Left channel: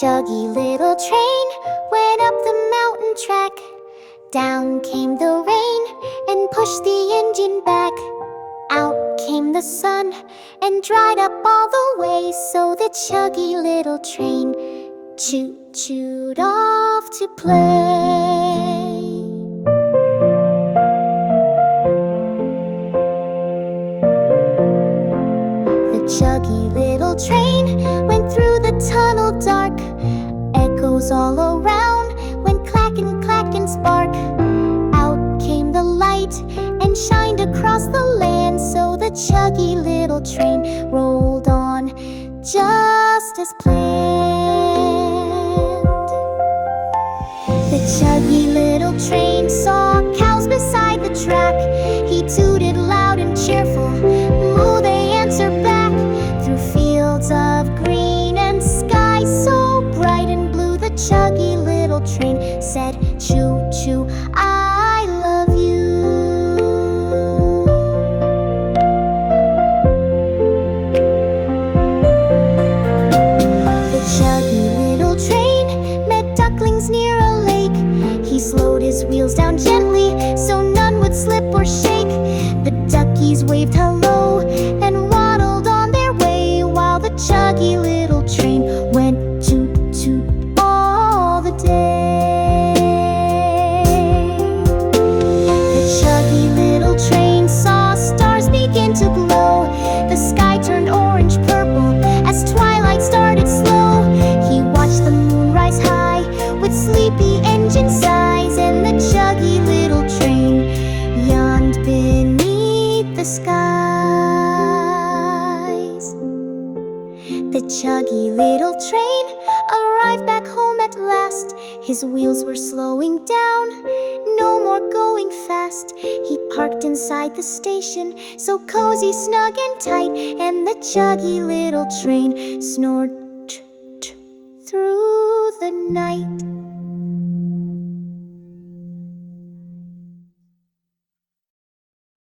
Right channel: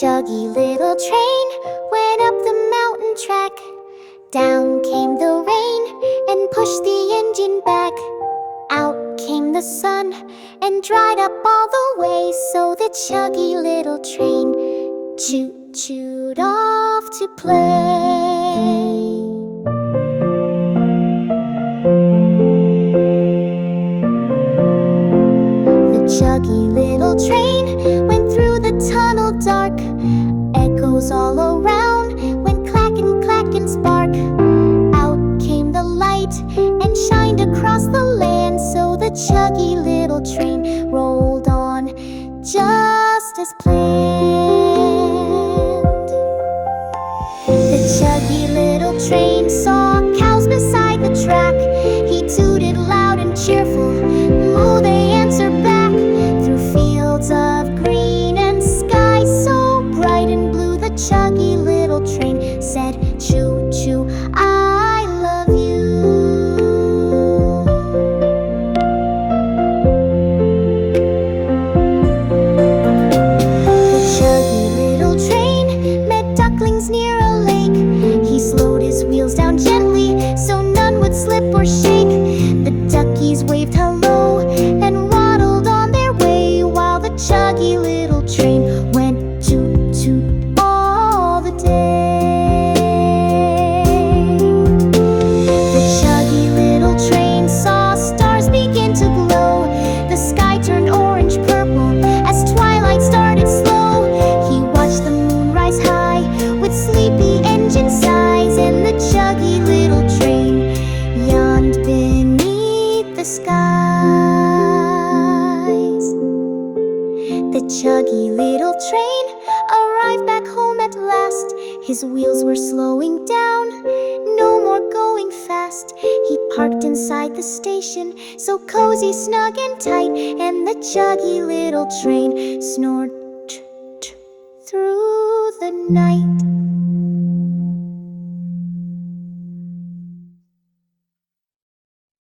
Chuggy little train went up the mountain track. Down came the rain and pushed the engine back. Out came the sun and dried up all the way. So the chuggy little train choo-chooed off to play. The chuggy little train went through the tunnel dark. Echoes all around went clack and spark. Out came the light and shined across the land. So the chuggy little train rolled on just as planned. The chuggy little train saw cows beside the track. He tooted loud and cheerful, moo they answered back. Through fields of green and sky so bright and blue, the chuggy little train said, choo-choo, I love you. The chuggy little train met ducklings near a lake. He slowed his wheels down gently so none would slip or shake. The duckies waved hello and waddled on their way, while the chuggy little train went toot-toot all the day. The chuggy little train saw stars begin to glow. The sky turned orange-purple as twilight started slow. He watched the moon rise high with sleepy engine sighs, and the chuggy little train yawned beneath the skies. The chuggy little train arrived back home at last. His wheels were slowing down, no more going fast. He parked inside the station, so cozy, snug and tight, and the chuggy little train snored through the night.